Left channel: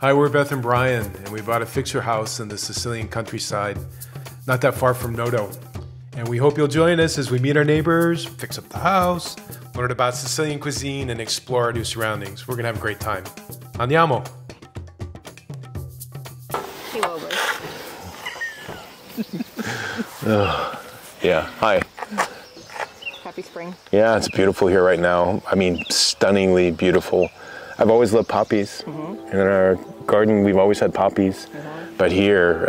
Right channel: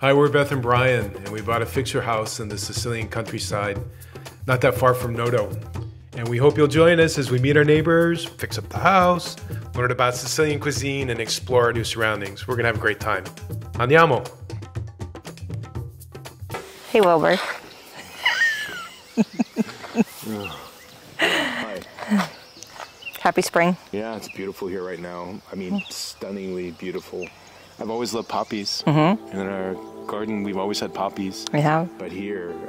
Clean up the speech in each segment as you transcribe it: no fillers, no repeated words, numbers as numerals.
Hi, we're Beth and Brian, and we bought a fixer house in the Sicilian countryside, not that far from Noto. And we hope you'll join us as we meet our neighbors, fix up the house, learn about Sicilian cuisine, and explore our new surroundings. We're gonna have a great time. Andiamo! Hey, Wilbur. Yeah, hi. Happy spring. Yeah, it's beautiful here right now. I mean, stunningly beautiful. I've always loved poppies. In our garden, we've always had poppies. We have. But here,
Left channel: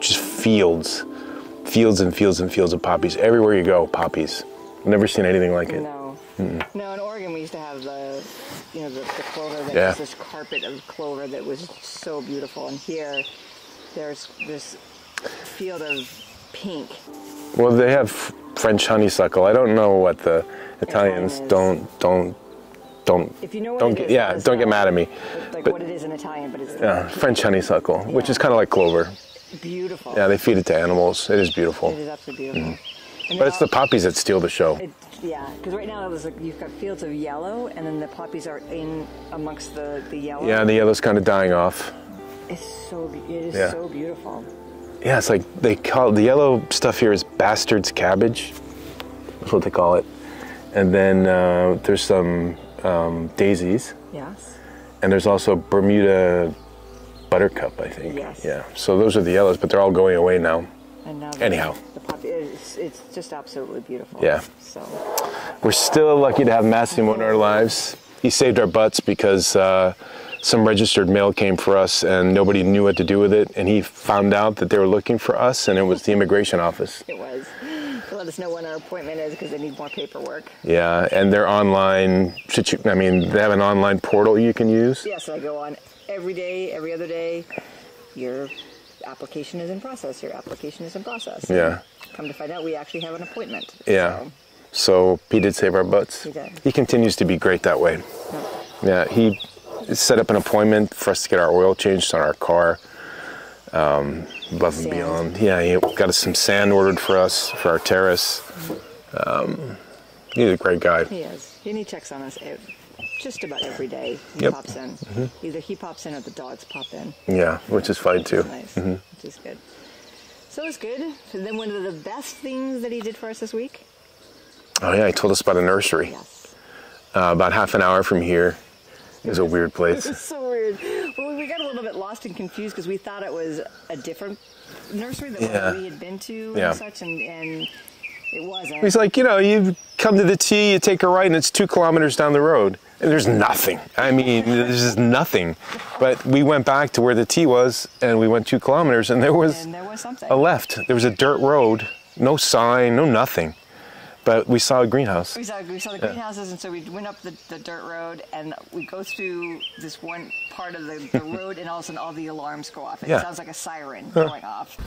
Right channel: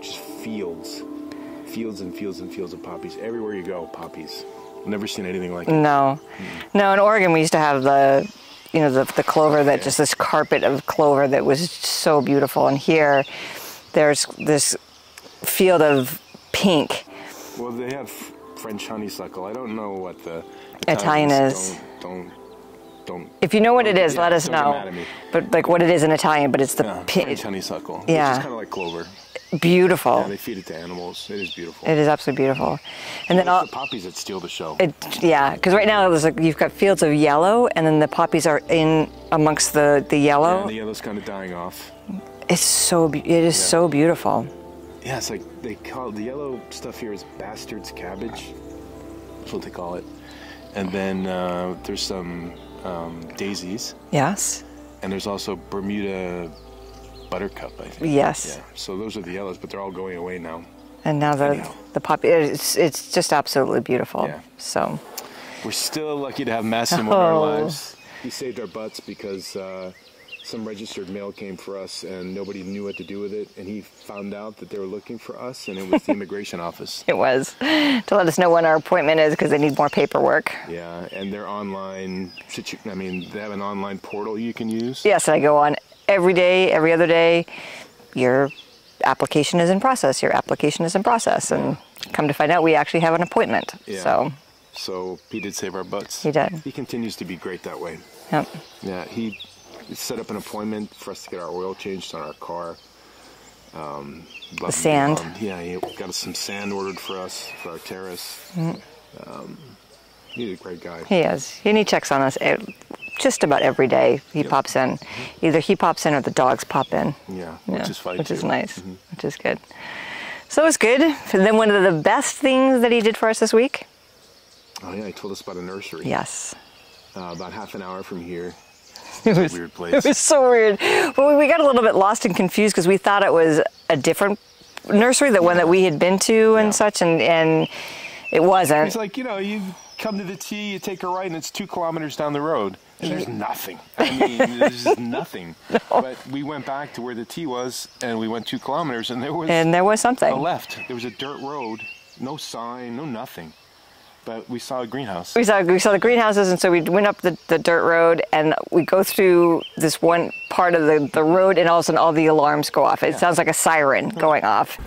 just fields and fields and fields of poppies. Everywhere you go, poppies. I've never seen anything like it. No. No, in Oregon, we used to have the clover, that just this carpet of clover that was so beautiful. And here, there's this field of pink. Well, they have French honeysuckle. I don't know what the Italians is. Don't. If you know what it is, let us know. Don't get mad at me. But what it is in Italian, but it's the French honeysuckle, which is kind of like clover. Beautiful. Yeah, they feed it to animals. It is beautiful. It is absolutely beautiful. And but it's the poppies that steal the show. Yeah, because right now you've got fields of yellow, and then the poppies are in amongst the yellow. Yeah, the yellow's kind of dying off. It is so beautiful. Yeah, it's like they call the yellow stuff here is bastard's cabbage. That's what they call it. And then there's some daisies. Yes. And there's also Bermuda buttercup, I think. Yes. Yeah. So those are the yellows, but they're all going away now. And now the poppy, it's just absolutely beautiful. Yeah. So we're still lucky to have Massimo in our lives. He saved our butts because some registered mail came for us and nobody knew what to do with it. And he found out that they were looking for us, and it was the immigration office. It was, to let us know when our appointment is because they need more paperwork. Yeah, and they're online. I mean, they have an online portal you can use. Yes, I go on every day, every other day. Your application is in process. Your application is in process. And come to find out, we actually have an appointment. Yeah. So he did save our butts. He did. He continues to be great that way. Yep. Yeah, he set up an appointment for us to get our oil changed on our car. Sand. Yeah, he got us some sand ordered for us for our terrace. He's a great guy. He is. And he checks on us just about every day. He pops in. Either he pops in or the dogs pop in. Yeah, which is fun too. Which is nice. Which is good. So it was good. And then one of the best things that he did for us this week. Oh yeah, he told us about a nursery. Yes. About half an hour from here. It was a weird place. It was so weird. Well, we got a little bit lost and confused because we thought it was a different nursery, the one that we had been to and such, and it wasn't. He's like, you come to the T, you take a right, and it's 2 kilometers down the road. And there's nothing. I mean, there's just nothing. No. But we went back to where the T was, and we went 2 kilometers, and there was something. A left. There was a dirt road, no sign, no nothing. But we saw a greenhouse. We saw the greenhouses, and so we went up the dirt road, and we go through this one part of the road, and all of a sudden all the alarms go off. It sounds like a siren going off.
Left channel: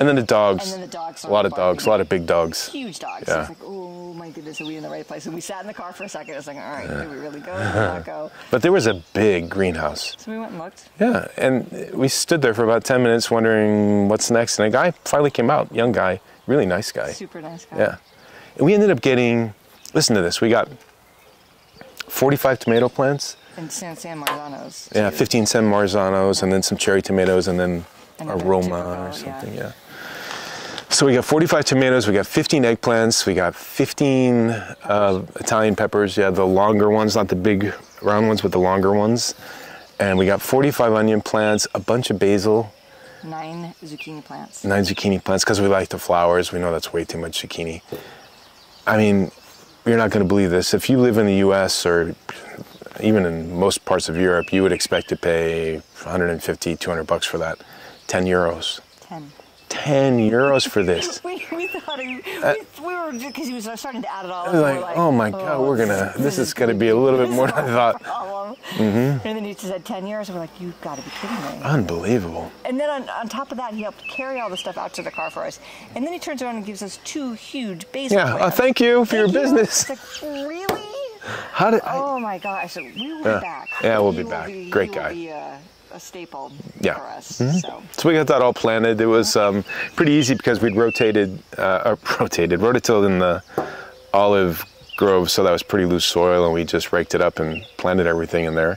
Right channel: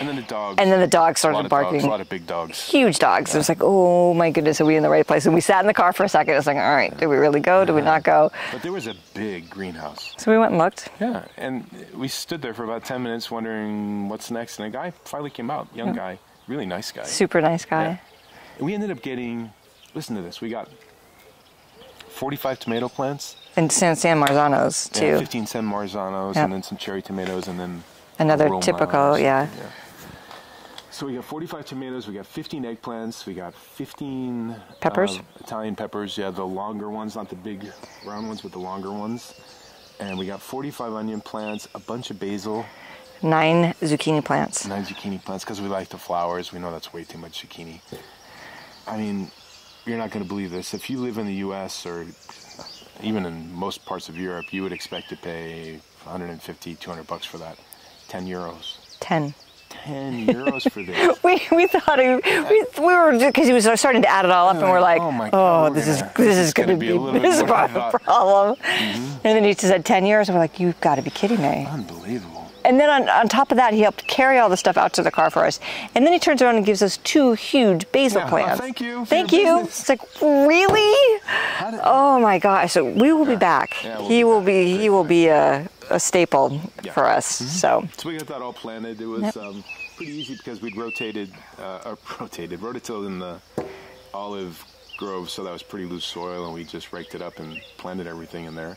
And then the dogs. And then the dogs started barking. A lot of big dogs. Huge dogs. Yeah. It was like, oh my goodness, are we in the right place? And we sat in the car for a second. It was like, all right, did we really go? Did we not go? But there was a big greenhouse. So we went and looked. Yeah, and we stood there for about 10 minutes wondering what's next. And a guy finally came out, young guy, really nice guy. Super nice guy. Yeah. And we ended up getting, listen to this, we got 45 tomato plants. And San Marzanos, too. Yeah, 15 San Marzanos, and then some cherry tomatoes, and then another typical, yeah. So we got 45 tomatoes, we got 15 eggplants, we got 15 Italian peppers, the longer ones, not the big round ones, but the longer ones. And we got 45 onion plants, a bunch of basil. 9 zucchini plants. 9 zucchini plants, because we like the flowers. We know that's way too much zucchini. I mean, you're not going to believe this. If you live in the US or even in most parts of Europe, you would expect to pay 150, 200 bucks for that. 10 euros. 10 euros for this. we thought we were, because he was starting to add it all up, and we're like, oh my God, this is going to be a little bit more than I thought. Problem. And then he just said 10 euros, and we're like, you've got to be kidding me. Unbelievable. And then on top of that, he helped carry all the stuff out to the car for us. And then he turns around and gives us 2 huge basil plants. Thank you for your business. It's like, really? Oh my gosh. So we will be back. Yeah, he will be a staple for us. So we got that all planted. It was pretty easy because we'd rototilled in the olive grove, so that was pretty loose soil, and we just raked it up and planted everything in there.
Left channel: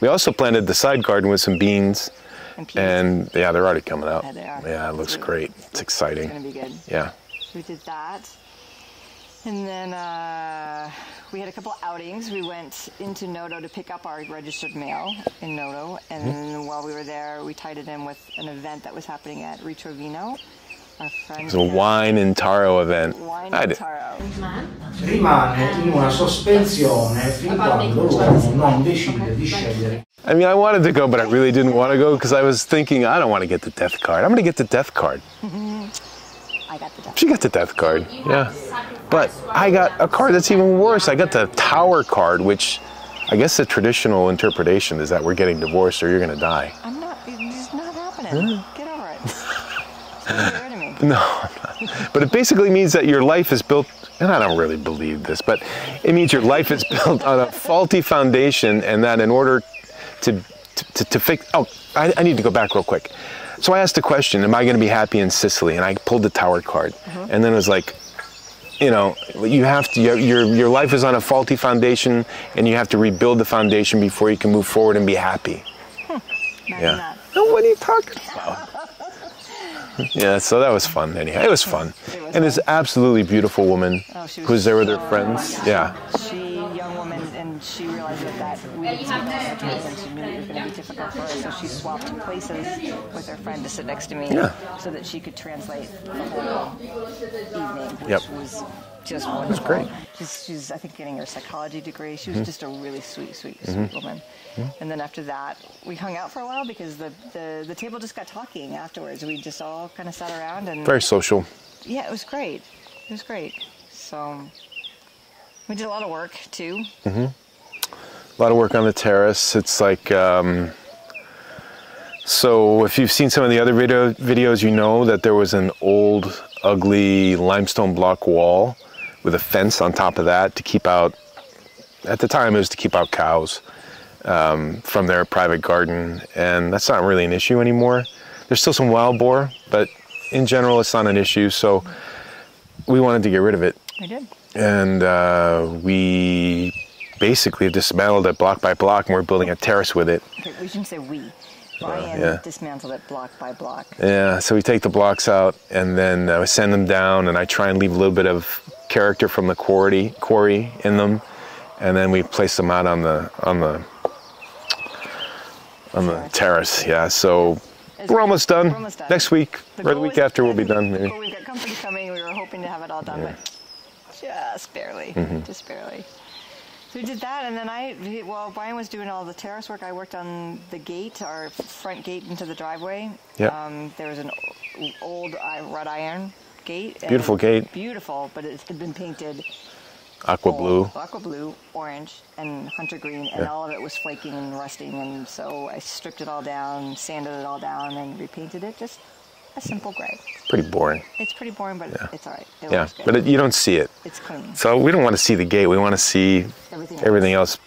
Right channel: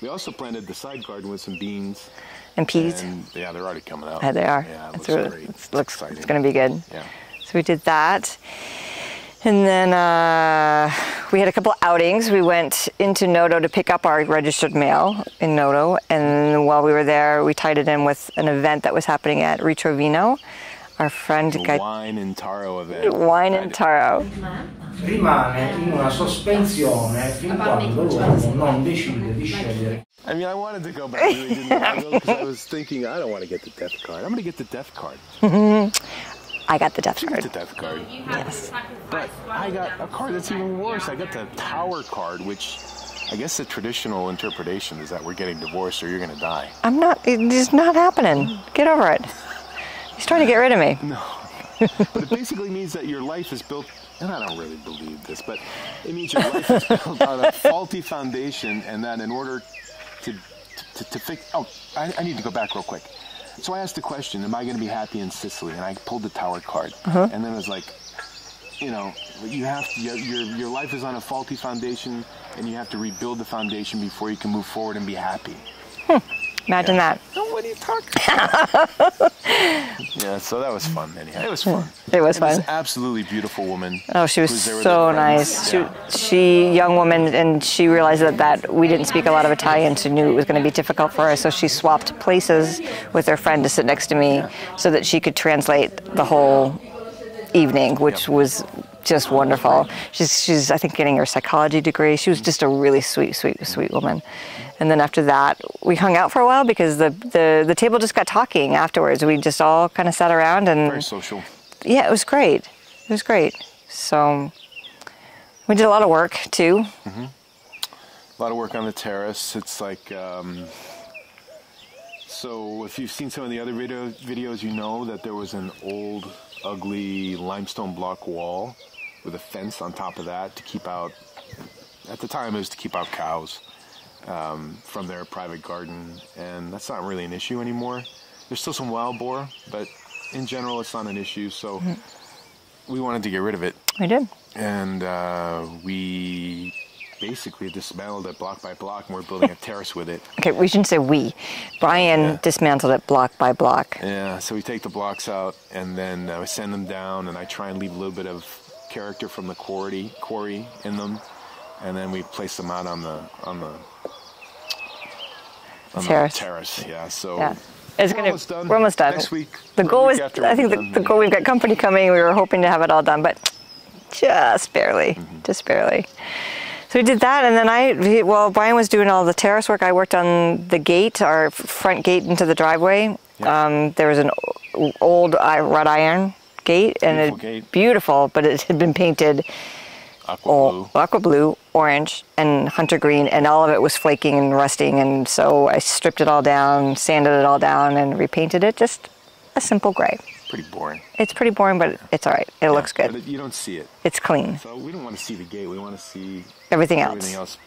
We also planted the side garden with some beans. And peas. And yeah, they're already coming out. Yeah, they are. Yeah, it looks great. It's exciting. It's going to be good. Yeah. So we did that. And then we had a couple outings. We went into Noto to pick up our registered mail in Noto. And while we were there, we tied it in with an event that was happening at Ritrovino. Our friend... The wine and taro event. Wine and taro. Rimane in una sospensione fin quando l'uomo non decide di scegliere. I mean, I wanted to go, but I really didn't want to go because I was thinking, I don't want to get the death card. I'm going to get the death card. I got the death card. She got the death card, yeah. But I got a card that's even worse. I got the tower card, which I guess the traditional interpretation is that we're getting divorced or you're going to die. I'm not, it's not happening. Get over it. He's trying to get rid of me. No, but it basically means that your life is built, and I don't really believe this, but it means your life is built on a faulty foundation, and that in order to fix, I need to go back real quick. So I asked the question, am I going to be happy in Sicily? And I pulled the tower card. And then it was like, you know, you have to, your life is on a faulty foundation, and you have to rebuild the foundation before you can move forward and be happy. Imagine that. Oh, what are you talking about? Yeah, so that was fun. Anyhow, it was fun. It was fun. It was an absolutely beautiful woman. Oh, she was who was there with so her friends. nice. Yeah. She, young woman, and she realized that we didn't speak a lot of Italian, so knew it was going to be difficult for us. So she swapped places with her friend to sit next to me, so that she could translate the whole evening, which was just wonderful. She's I think getting her psychology degree. She was just a really sweet woman. And then after that, we hung out for a while because the table just got talking afterwards. We just all kind of sat around and Very social. Yeah, it was great. It was great. So we did a lot of work too. A lot of work on the terrace. It's like so if you've seen some of the other videos, you know that there was an old, ugly limestone block wall with a fence on top of that to keep out, at the time it was to keep out cows from their private garden, and that's not really an issue anymore. There's still some wild boar, but in general it's not an issue, so we wanted to get rid of it. I did. And we basically dismantled it block by block, and we're building a terrace with it. Okay, we shouldn't say we. Brian dismantled it block by block. Yeah, so we take the blocks out and then we send them down, and I try and leave a little bit of character from the quarry in them, and then we place them out on the terrace. Yeah, so we're almost done. We're almost done. Next week. The goal is, after I we'll think be done. the goal, we've got company coming. We were hoping to have it all done, but just barely, just barely. So we did that, and then while Brian was doing all the terrace work, I worked on the gate, our front gate into the driveway. Yep. There was an old wrought iron gate. Beautiful gate. Beautiful, but it had been painted aqua blue, orange, and hunter green, and all of it was flaking and rusting, and so I stripped it all down, sanded it all down, and repainted it just a simple gray. Pretty boring. It's pretty boring, but it's all right. It looks good. But you don't see it. It's clean. So we don't want to see the gate. We want to see everything else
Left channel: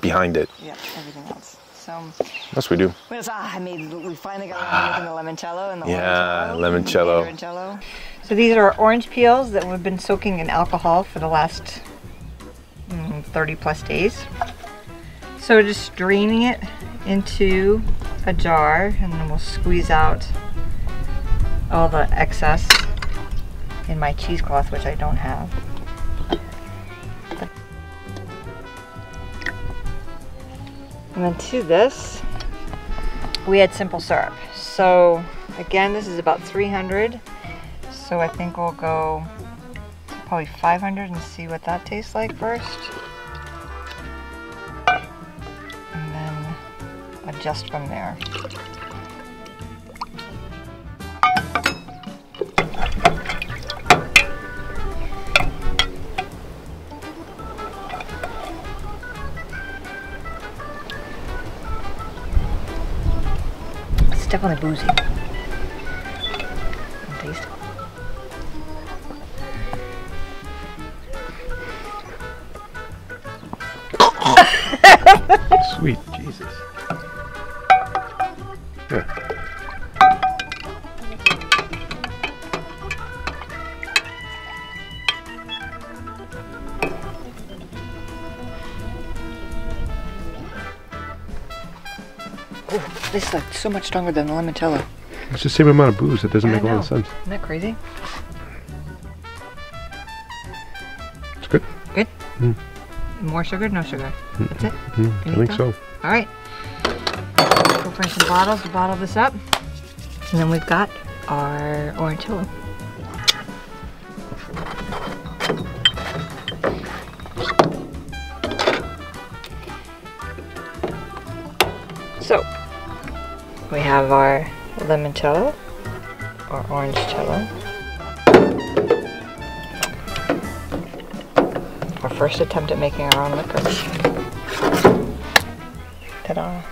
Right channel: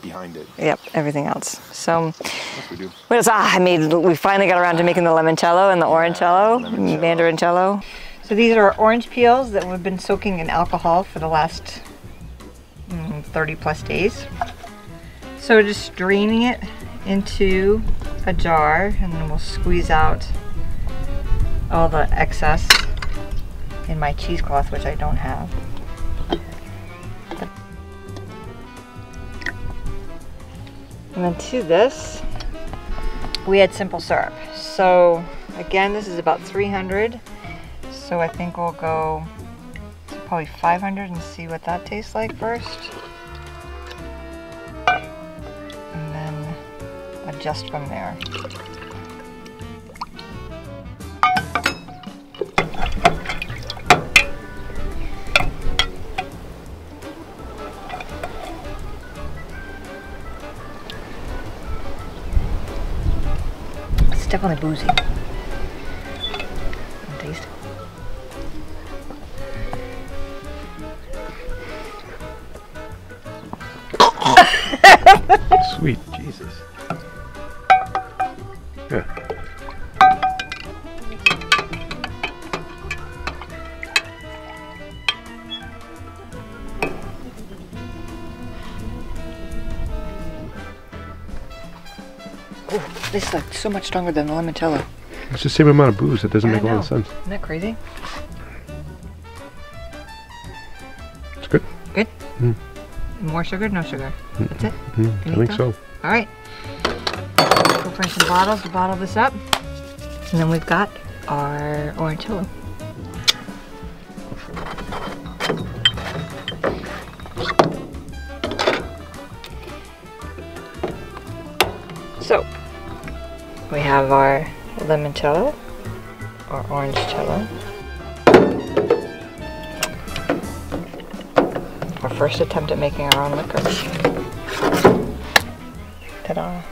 behind it. Yep, everything else. So yes, we do. What else? We finally got around to making the limoncello and the orangello. Mandarincello. So these are orange peels that we've been soaking in alcohol for the last 30 plus days. So just draining it into a jar, and then we'll squeeze out all the excess in my cheesecloth, which I don't have. And then to this, we add simple syrup. So again, this is about 300. So I think we'll go to probably 500 and see what that tastes like first. And then adjust from there. It's definitely boozy. Taste. Sweet Jesus. Yeah. Oh, this is like so much stronger than the limoncello. It's the same amount of booze. It doesn't make a lot of sense. Isn't that crazy? It's good. Good? Mm. More sugar? No sugar? That's it? I think so. All right. Go find some bottles to bottle this up. And then we've got our orangello. So, we have our limoncello, or orangecello. Our first attempt at making our own liquor. Ta-da.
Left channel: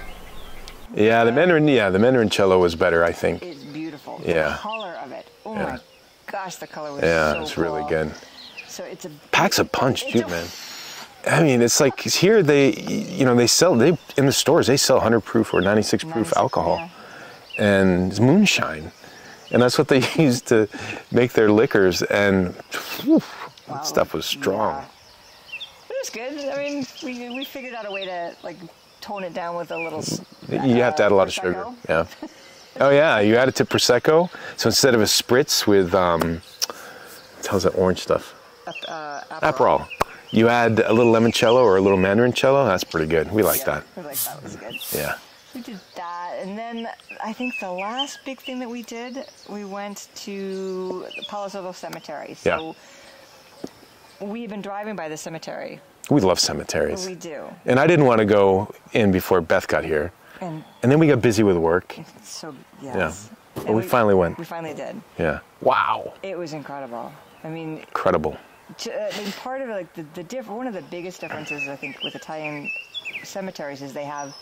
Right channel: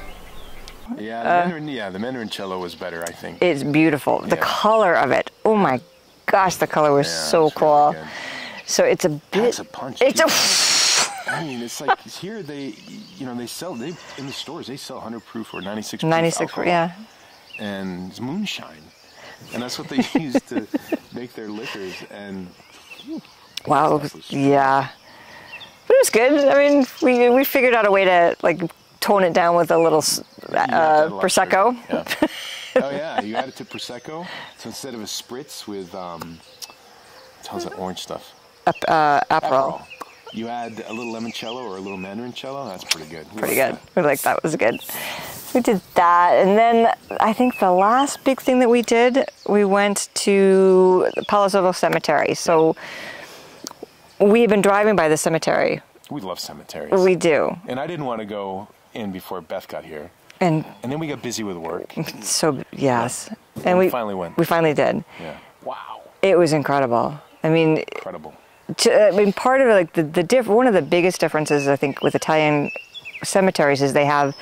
Yeah, the Mandarincello was better, I think. It's beautiful. The color of it. Oh my gosh, the color was so it's cool. Really good. So it's a packs a punch. I mean, it's like here they sell in the stores they sell 100 proof or 96 proof alcohol. Yeah. And it's moonshine, and that's what they use to make their liquors. And wow, stuff was strong. Yeah, but it was good. I mean, we figured out a way to like tone it down with a little you have to add a lot prosecco. Of sugar. Yeah. Oh yeah, you add it to prosecco. So instead of a spritz with how's that orange stuff? Aperol. You add a little limoncello or a little Mandarincello. That's pretty good. We like that. We like that. It was good. Yeah. We did that, and then I think the last big thing that we did, we went to the Palo Santo Cemetery. So we had been driving by the cemetery. We love cemeteries. We do. And I didn't want to go in before Beth got here. And then we got busy with work. So, yes. Yeah. And we finally went. We finally did. Yeah. Wow. It was incredible. I mean... Incredible. Part of it, like one of the biggest differences, I think, with Italian cemeteries is they have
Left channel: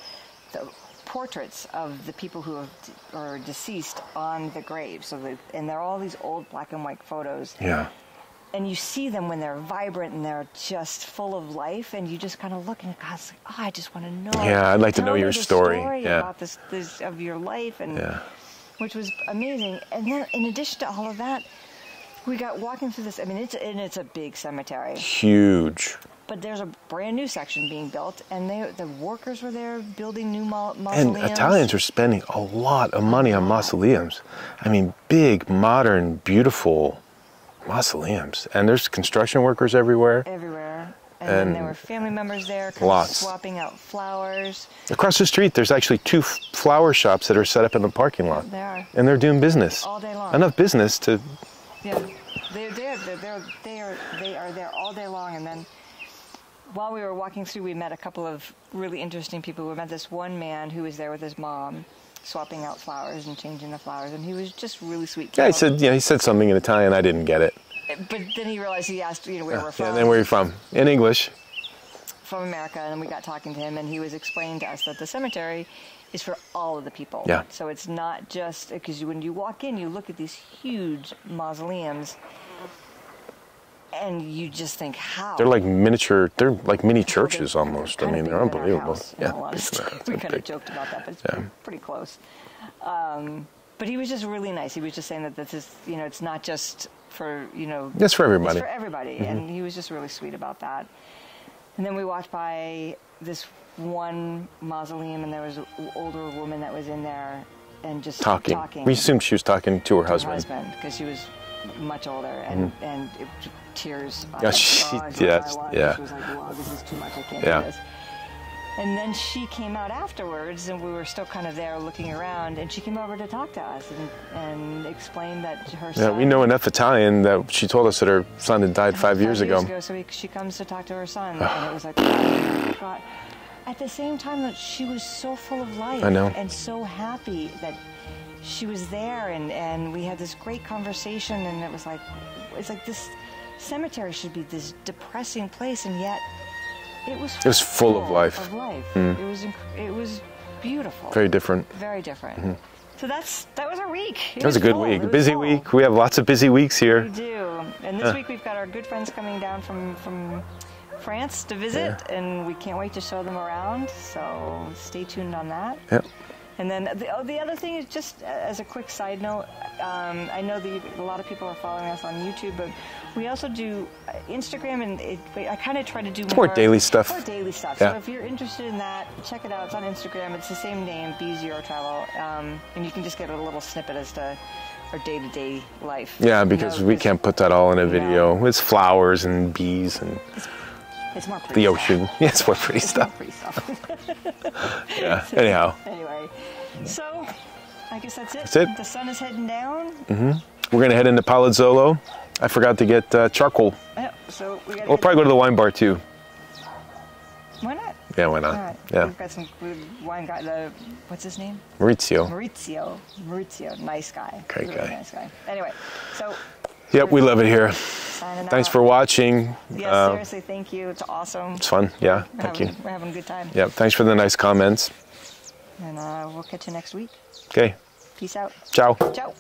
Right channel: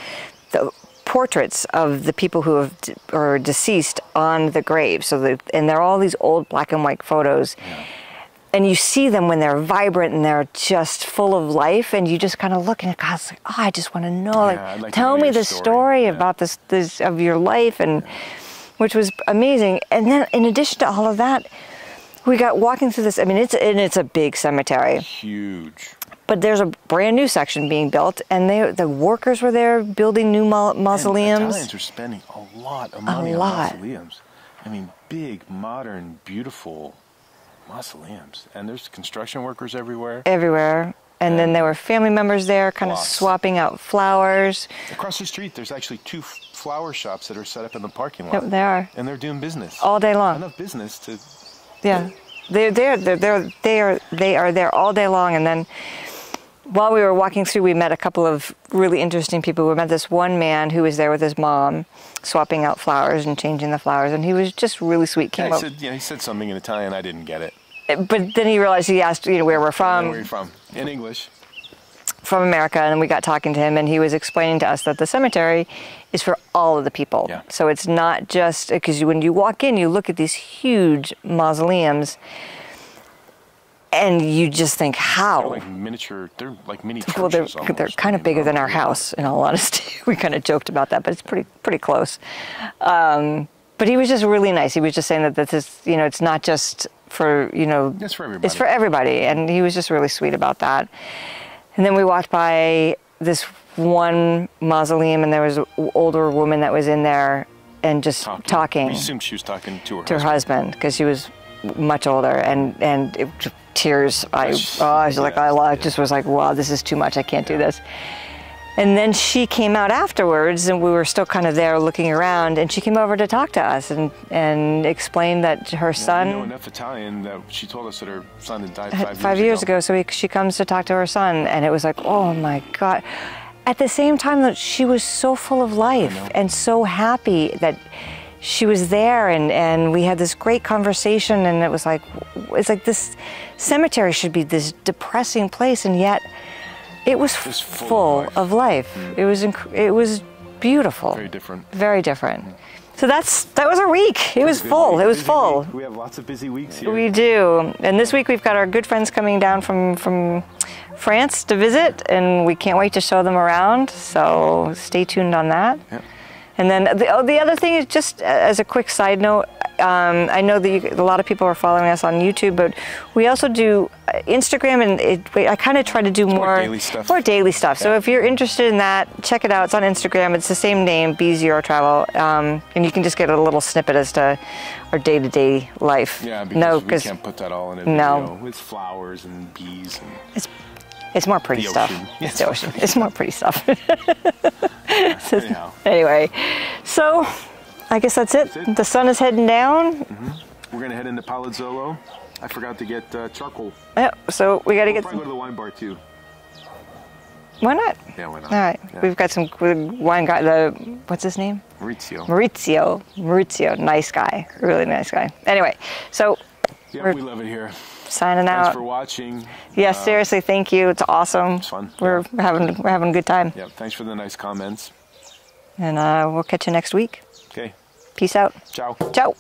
the portraits of the people who are deceased on the grave. So and they're all these old black and white photos. Yeah. And you see them when they're vibrant and they're just full of life, and you just kind of look and God's like, oh, I just want to know. Yeah, I'd like to know your story. Tell me the story about this of your life, and which was amazing. And then, in addition to all of that, we got walking through this. I mean, it's a big cemetery. Huge. But there's a brand new section being built, and the workers were there building new mausoleums. And Italians are spending a lot of money on mausoleums. I mean, big, modern, beautiful mausoleums. And there's construction workers everywhere. Everywhere. And then there were family members there kind of swapping out flowers. Across the street, there's actually 2 flower shops that are set up in the parking lot. Yep, they are. And they're doing business. All day long. Enough business to... Yeah. They are there all day long. And then while we were walking through, we met a couple of really interesting people. We met this one man who was there with his mom, swapping out flowers and changing the flowers, and he was just really sweet. He said something in Italian. I didn't get it. But then he realized, he asked, where we're from. And then where are you from? In English. From America, and then we got talking to him, and he was explaining to us that the cemetery is for all of the people. Yeah. So it's not just, because when you walk in, you look at these huge mausoleums, and you just think, how? They're like miniature, they're like mini churches almost. They're kind of bigger than our house, in all honesty. We kind of joked about that, but it's pretty close. But he was just really nice. He was just saying that this is, it's not just for, It's for everybody. It's for everybody, and he was just really sweet about that. And then we walked by this one mausoleum, and there was an older woman that was in there and just talking. We assumed she was talking to her husband. To her husband, because she was much older, and tears. I just was like, wow, this is too much. I can't do this. And then she came out afterwards, and we were still kind of there looking around, and she came over to talk to us and explained that her son... We know enough Italian that she told us that her son had died 5 years ago. 5 years ago, so she comes to talk to her son, and it was like, oh my God. At the same time, that she was so full of life and so happy that she was there, and we had this great conversation, and it's like this cemetery should be this depressing place, and yet it was full of life. It was beautiful. Very different. Very different. So that was our week. It was full. It was busy full. Week. We have lots of busy weeks here. We do. And this week we've got our good friends coming down from France to visit, and we can't wait to show them around. So stay tuned on that. Yep. And then the other thing is, just as a quick side note, I know that a lot of people are following us on YouTube, but we also do Instagram, and I kind of try to do more daily stuff. More daily stuff. So Yeah. if you're interested in that, check it out. It's on Instagram. It's the same name, B0 Travel, and you can just get a little snippet as to our day-to-day life. Yeah, because we can't put that all in a video. It's flowers and bees and it's more pretty the stuff. ocean. Yeah, it's more pretty stuff. More pretty stuff. Yeah, anyhow. Anyway, so I guess that's it. That's it. The sun is heading down. Mm-hmm. We're gonna head into Palazzolo. I forgot to get charcoal. Yeah, so we gotta We'll probably go to the wine bar too. Why not? Yeah, why not? All right, Yeah. we've got some good wine guy. What's his name? Maurizio. Maurizio, nice guy, Great really guy. nice guy. Anyway, so Yep, we love it here. signing out. Thanks for watching. Yeah, seriously, thank you. It's awesome. It's fun. We're Yeah, we're having a good time. Yep, thanks for the nice comments. And we'll catch you next week. Okay, Peace out. ciao. Ciao.